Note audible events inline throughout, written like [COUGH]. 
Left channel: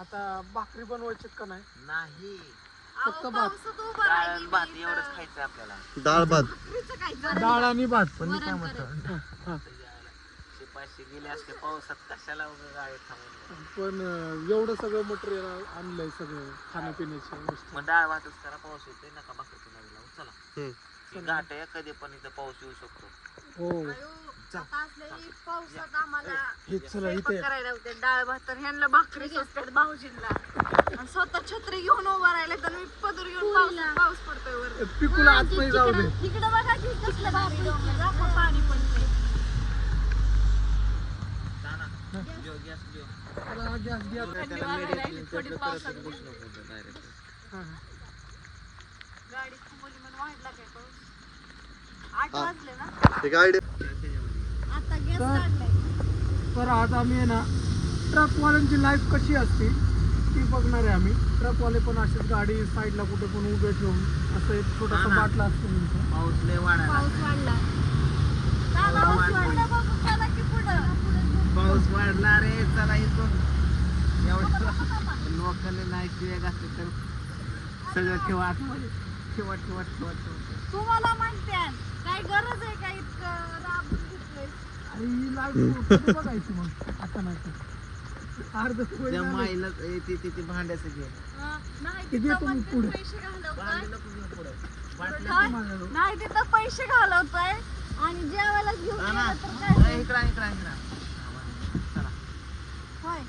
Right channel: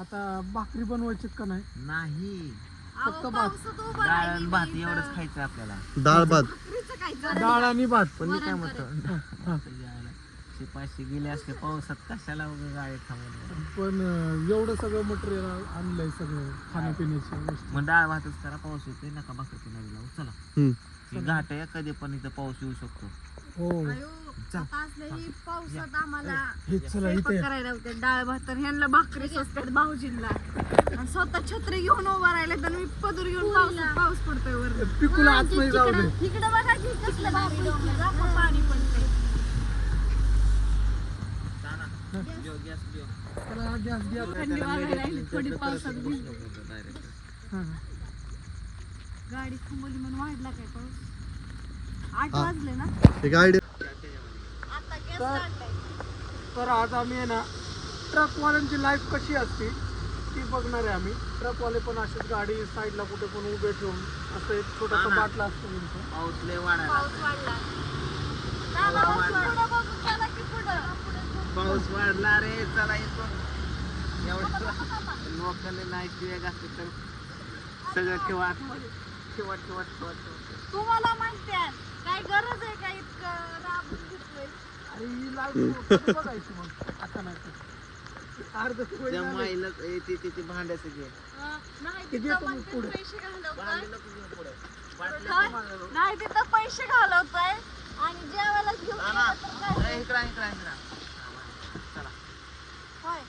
आता भाकरी बनवायचीत का नाही? नाही. फक्त भात. डाळ आणि भात एवढंच खायचं आपल्याला. डाळ भात. डाळ आणि भात. पण मी काय म्हणतो? हा. शिपाशी गेले असते पावसात कशाला उगा गाडी थांबवली पण अं, एवढं सगळं मटेरियल आणलंय सगळं खाण्यापिण्याच्या गोष्टी. मग डाळ भातच करा पाऊस येतोय नका भाकरी कोणाला लावू चला. हम्म. ही घाट आहे कधी पण इथं पाऊस येऊ शकतो. पावसात आम्हाला स्वयंपाक करायला होते डाळ भात तर ह्यांना भाकरी स्वस्तात भाऊजींना. आणि स्वतः छत्री घेऊन उभा राहिला तर मी पदर घेऊन पावसात पाऊस पडतोय बघा की कसलं पाणी घ्या. थंडी वाजायला लागली थोडी पावसात भिजली. हा. गाडी थांबवली म्हणून वाढला काय पाऊस? आठ वाजले ना? एक आयडिया आता गेस तर- लागले. तर आज आम्ही आहे ना ट्रकवाल्यांची लाईफ कशी असते ती बघणार आहे आम्ही. ट्रकवाले पण असेच गाडी साईडला कुठे पण उभे ठेवून असं एक छोटासा बाटला असतो त्यांचा. पाऊस लय वाढायला पाऊस वाढला. दादा बस पुढं बघू चला की पुढं. पाऊस वाढला रे चला इथून. एवढं लोकांनी नाही तर सगळं ठेवा. आतमध्ये. ठेवा ठेवा ठेवा ठेवा. तुम्हाला माहिती काय गरज आहे का इतकं दाबून इतकं? आणि ही लाईफ कधी बघायची मग आता नाही अर्ध पोळी त्या माईला ए, ते ते ते भांड्याचं घे ते मी पुढं. पैसे घालवतोय. नाही तिथं पैसे घालवतोय आणि जेवायला घेऊन हा ना. गेलं तर काय इकडं इकडं इकडं होय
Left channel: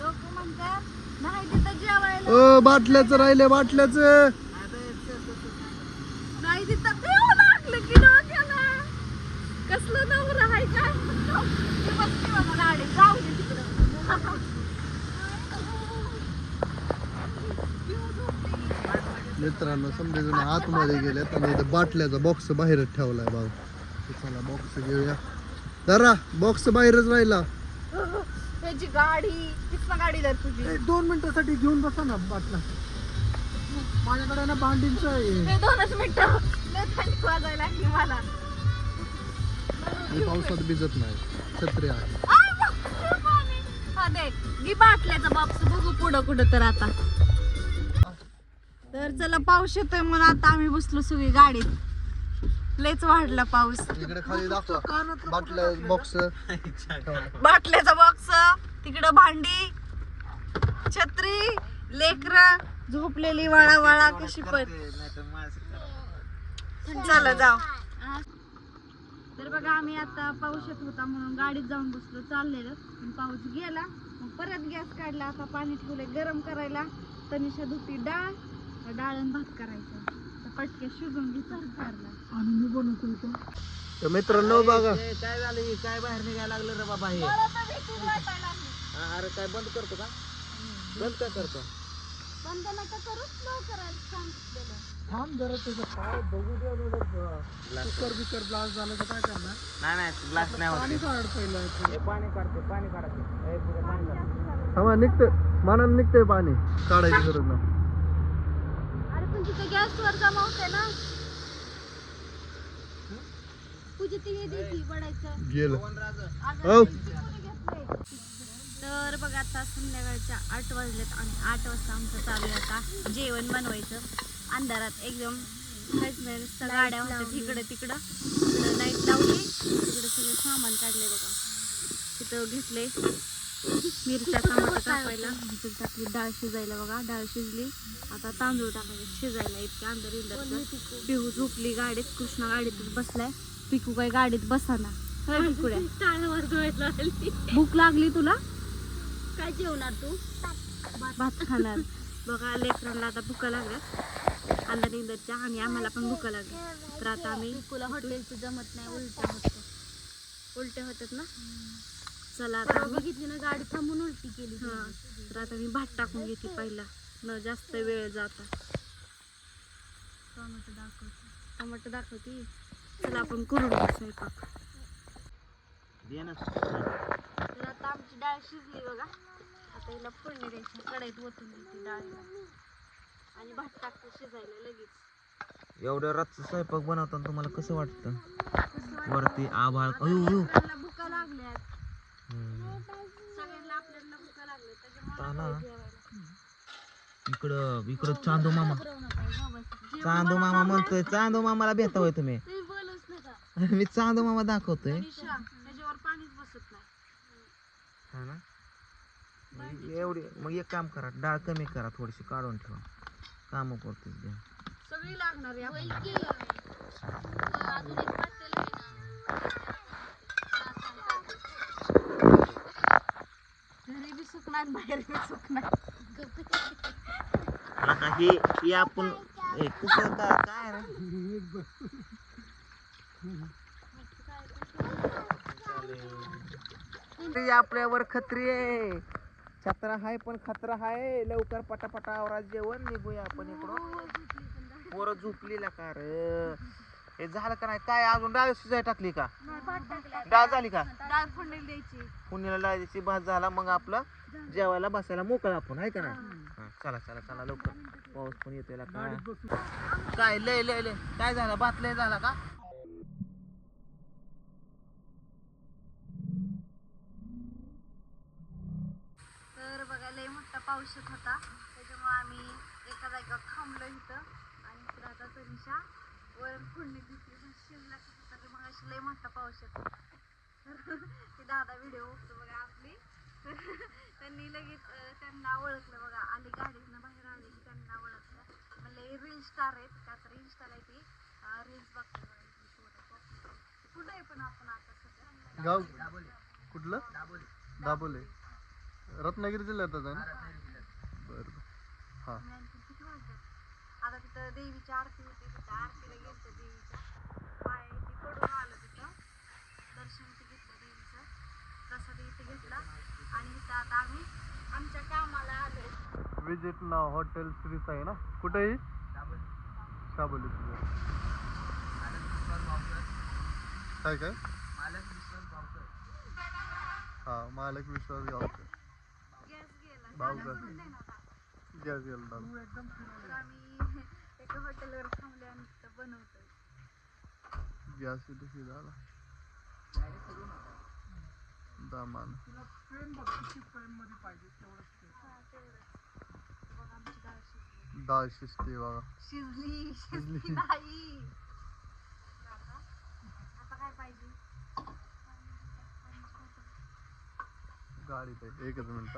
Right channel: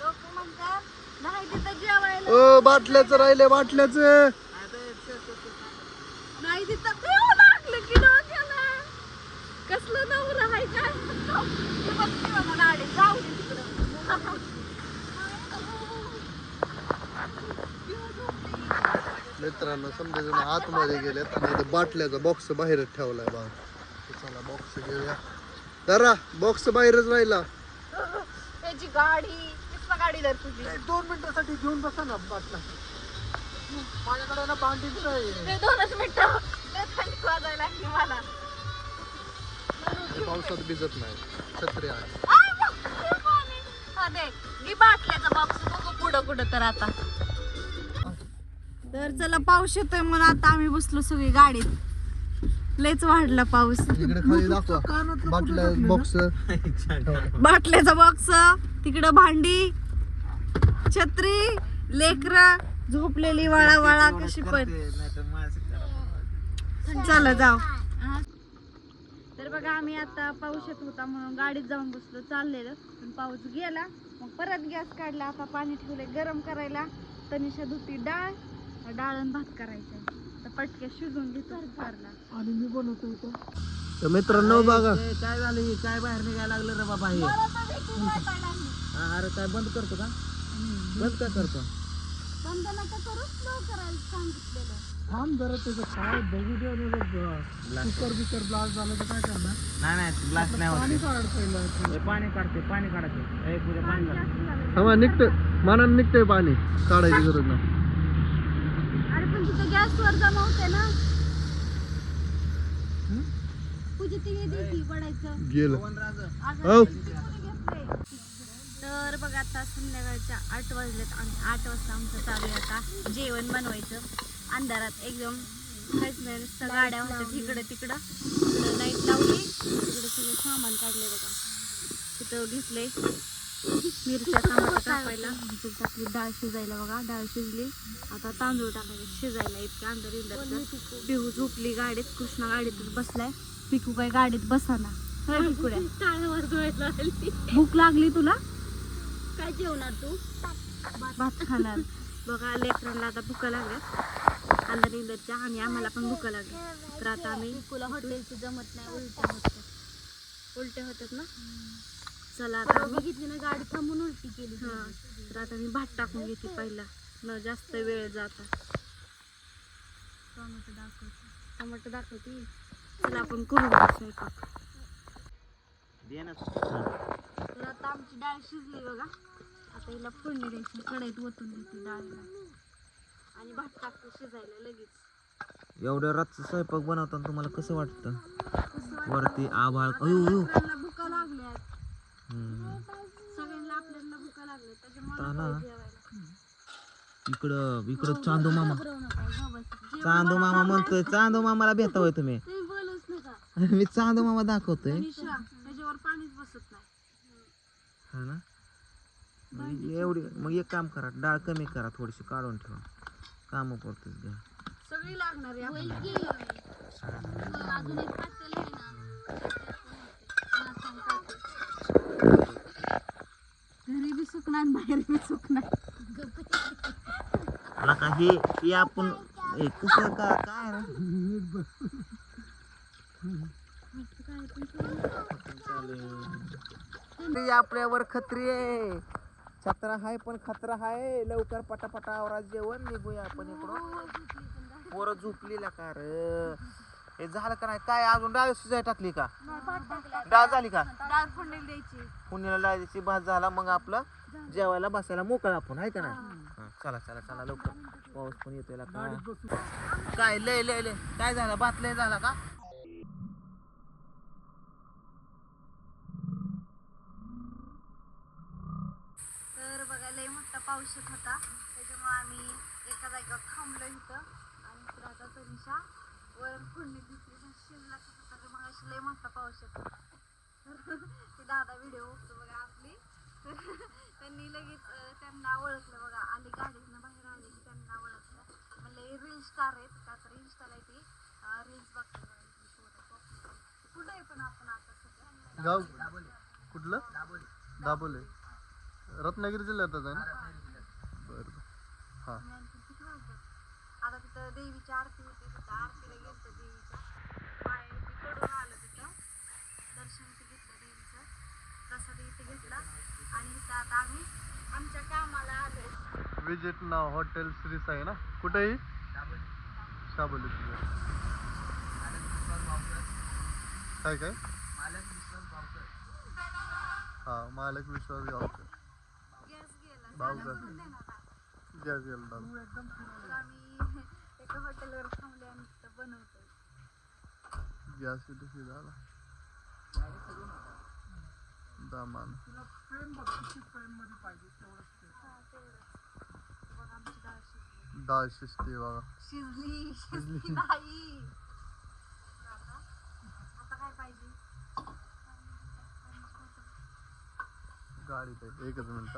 लोक म्हणतात नाही तिथं जेवायला अ बाटल्याचं राहिले बाटल्याचं नाही तिथं देव लागलं की डोक्याला कसलं नवरा आहे काय म्हणतो बसली बाबा गाडी जाऊ दे तिकडं मित्रांनो समजा जण आतमध्ये गेल्यात आणि बाटल्याचा बॉक्स बाहेरच ठेवलाय भाऊ. चला बॉक्स घेऊया. जरा बॉक्स बाहेरच राहिला. ह्याची गाडी किसना गाडी तुझी. एक दोन मिनिटासाठी घेऊन बसा ना बाटला माझ्याकडे ना आहे. ते दोनच मिनिटं. लय थंडी वाजायला लागली मला. मी पावसात भिजत नाही. छत्री आहे. हा दे. मी बाटल्याचा बॉक्स बघू पुढं कुठं तर आता. तर चला पाऊस येतोय म्हणून आता आम्ही बसलो सगळी गाडीत लयच वाढला पाऊस. इकडे खाली दाखवा. बाटल्या बॉक्स बाटल्याचा बॉक्स तिकडं भांडी छत्री लेकर झोपलेली वळा वळा कशी पण. चला जाऊ. तर बघा आम्ही आता पाऊस येत होता म्हणून गाडीत जाऊन बसलो चाललेलं. पण पाऊस गेला मग परत गॅस काढला आता पाणी ठेवले गरम करायला. तनिषा धुती डाळ डाळ आणि भात करायचं. तर पटके घेतो आणि मी बनवतो इथं. तर मित्रांनो बघा. काय झालं हे? काय बाहेर निघायला लागलं रे बाबा हे? हा, अरे काय बंद करतो का? बंद का करतो? थांब जरा तुझं काय बघू दे आणि बघ. कुकर बिकर ब्लास्ट झालं तर काय करणार? नाही नाही ग्लास नाही होत. पाणी हे काढते पाणी काढायचं एक पाणी मानानं निघतंय पाणी. काढायची गरज नाही. गॅसवर जमा होते ना. पूजा ते येते की पडायचं. गेलं. अगं, हो. तर बघा आता संध्याकाळच्या आठ वाजल्यात आणि आठ वाजता आमचं चालू आहे आता जेवण बनवायचं. अंधारात एकदम काहीच नाही नुसतं गाड्या होत्या तिकडं. तिकडं लाइट लावली. सगळं सामान काढले बघा. तिथं घेतले मिरच्या टमाटर टाकायला. टाकली डाळ शिजायला बघा. डाळ शिजली. आता तांदूळ टाकायचे. शिजायला इतके इंधार पिहू झोपली गाडीत. कृष्णा गाडीतच बसलाय. पिकू काय गाडीत बसाना. होय पिकूड्या? भूक लागली तुला? काय जेवणार तू? भात खाणार. बघा लेकरांना आता भुका लागल्यात अंधार इंदरच्या आणि आम्हाला पण भुका लागल्या. तर आता आम्ही तुला हॉटेलची जमत नाही उलट्या होतात ना? चला आता बघितली ना गाडी थांबून उलटी केली हा तर आता मी भात टाकून घेते पहिला. न जास्त वेळ जाता. टोमॅटो दाखवते. टोमॅटो दाखवते. चला आपण करू स्वयंपाक. तर आता आमची डाळ शिजली बघा. आता हिला फोडणी द्यायची. कढईत ओतून देते डाळीला. आणि भात टाकतो शिजायला लगेच. एवढ्या रातचं स्वयंपाक बनवताना तुम्हाला कसं वाटतं? कसं वाटतं? वरती आभाळ अयो अयो मला भुका लागल्यात हम्म. सगळ्यांना आपल्याला भुका लागले त्याच्यामुळे ताना. नको जेवायला. इकडं इकडं चांदू मामा. चांदो चांदू मामा म्हणतोय चांदू मामाला भेटा होय तुम्ही. तुम्ही बोलूच नका मी चांदू मामा दाखवतोय. मनीषा त्याच्यावर पाणीच बसत नाही हा ना? मग एवढी मग एक काम करा डाळ कमी करा थोडीशी काढून ठेवा. काम करतोय द्या सगळी लागणार आहे घरी बी सुख नाही बाहेर बी सुख नाही. नका हे हे आपण कसं का काय रे? ते आपल्यावर खत्री आहे. छत्रा हाय पण खतरा हाय. लवकर पटापटा आवरा जेवण निघूया आपण इकडं. पोरं झोपलीला का रे? हे झालं का नाही? काय अजून डाळ शिजाय टाकली का? डाळ झाली का? डाळ फोडणी द्यायची. पुण्याला भात झाला मग आपलं जेवायला बसायला मोकळा आपण आहे का नाही? चला चला चला लवकर. पाऊस पण येतोय काय काय लय लय लय. काय झालं? भात लय झाला का? तर बघा लय मोठा पाऊस येत होता. त्याच्यामुळे आम्ही एका जागेवर थांबलो इथं. आणि इकडं आता तनिषा वरण फोडणी दिसली पण तर मग अशी लय मोठा पाऊस येत होता. [LAUGHS] दादा व्हिडिओ बघा आपली. [LAUGHS] त्यांनी लगेच त्यांना ओळखलं बघा आली गाडीतनं बाहेर आली की त्यांना ओळखलं. म्हणले रील स्टार आहेत का तर इन्स्टाला ती. रील्स बघतो. कुठं आहे पण आपण आता सध्या? गाव? कुठलं? दाबोले रत्नागिरी जिल्ह्यात आहे ना? बरं हां? आता तिथं देवीची आरती होती तिथं आरतीला गेलतो देवीच्या. पाय तिकडून आलं तिथं दर्शन इथं घेतलं देवीचं प्रसाद इथं घेतला आणि इथं आता आम्ही आमच्या कामाला आलोय. विजिट नाव हॉटेल श्री साई ना? कुठेही? शाबोली. काय काय? हा मालक विश्वास गावकर. आता. गॅस गेला आम्ही [LAUGHS] एका हॉटेलवर थांबले बनवतोय. गॅस किती झाला हा बघ आमची डाळ शिजते बघा. शिजली शिजली. नाही. आता आता काय पाहिजे? गाडीत आहे एकच मिनिट.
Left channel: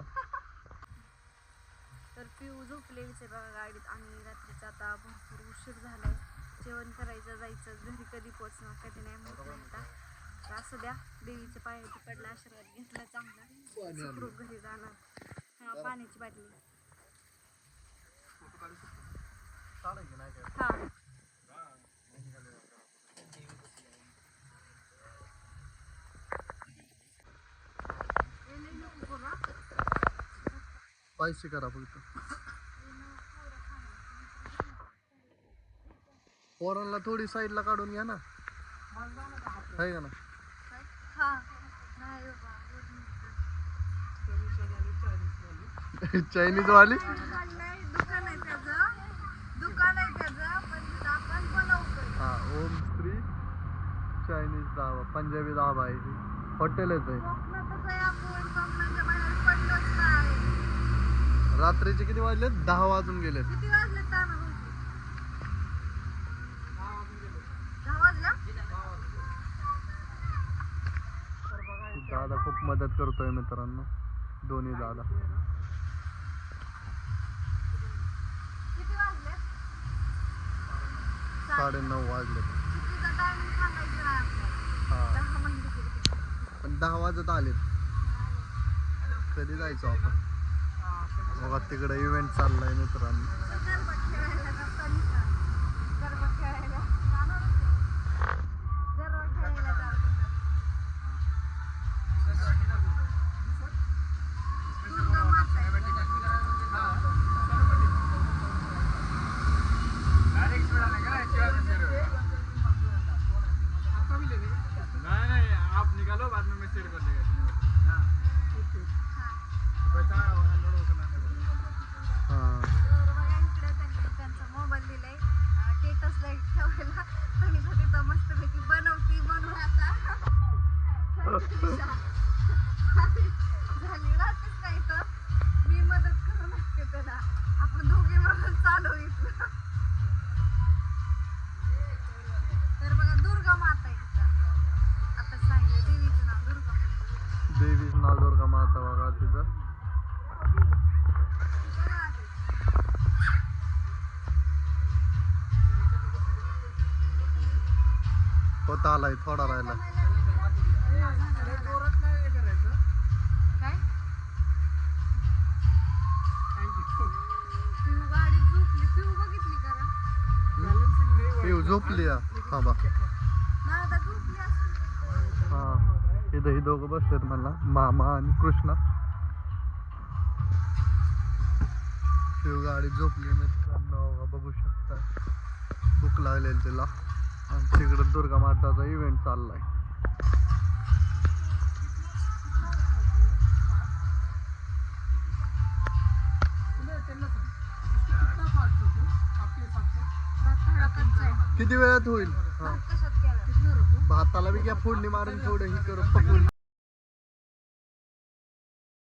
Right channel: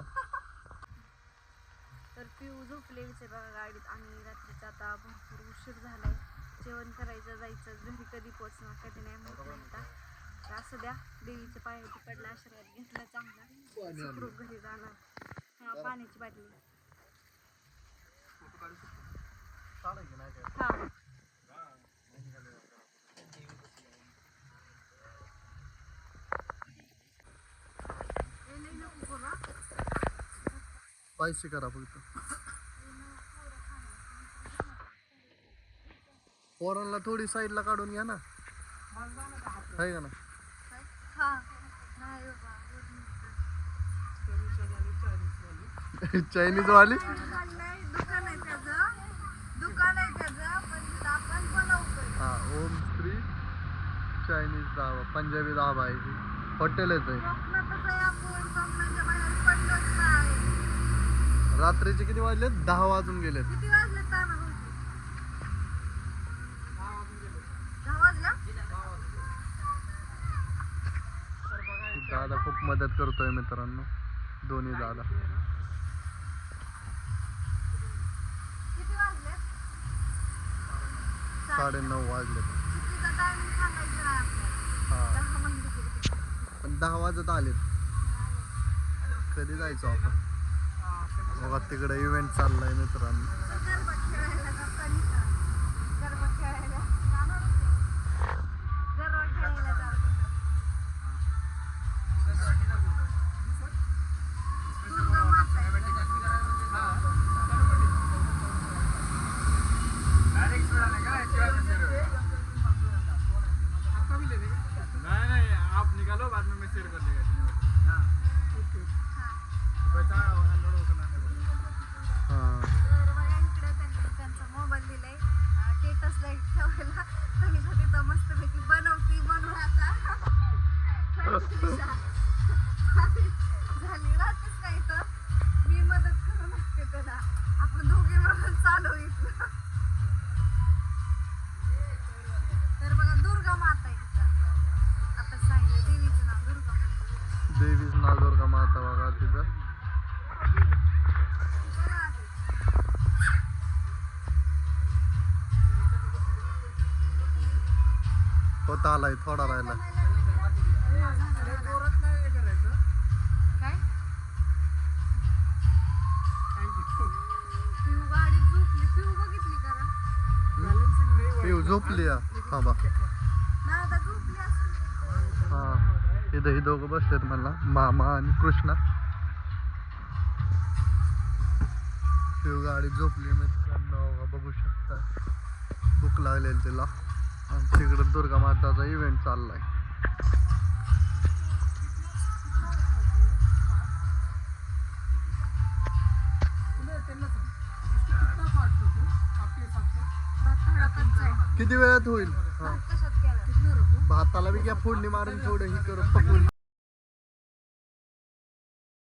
तर पिऊ झोपले विचारा गाडीत. आणि रात्रीचा आता भरपूर उशीर झालाय. जेवण करायचं जायचं घरी कधी पोचणार कधी नाही माहिती आता. तर असू द्या देवीच्या पायावरती पडला आशीर्वाद घेतला चांगला. सुखरूप घरी जाणार हा पाण्याची बाटली. हा. पैसे करा फक्त. पोरांना थोडी साईडला काढून घ्या ना. आहे का ना [LAUGHS] चायनीज वाली हा ओम श्री चायनीज धाबा पंजाबी धाबा आहे ती हॉटेलच आहे. रात्रीचे किती वाजले? दहा वाजून गेलेत किती वाजले ताना दहा वाजला दादा खूप मदत करतोय मित्रांनो. दोन्ही दादा साडे नऊ वाजले. हा. म्हणजे पण दहा वाजत आलेत. कधी जायचो आपण? बघा तिकडे इव्हेंट चाललाय मित्रांनो. पिऊ झोपली थोडा राहिला. दादा झोपली असेल हा. इथं ही दोघं बसलेत मला मामा आणि कृष्णा. शिव गाडी झोपली मित्रांनो बघा बघू शकता. भूक लागलेली तिला. तिकडं दुर्गा माताचा इव्हेंट चाललाय. किती वेळात होईल? भाताला बी घ्या फोडणी मारून थोडं ही करून पकडून.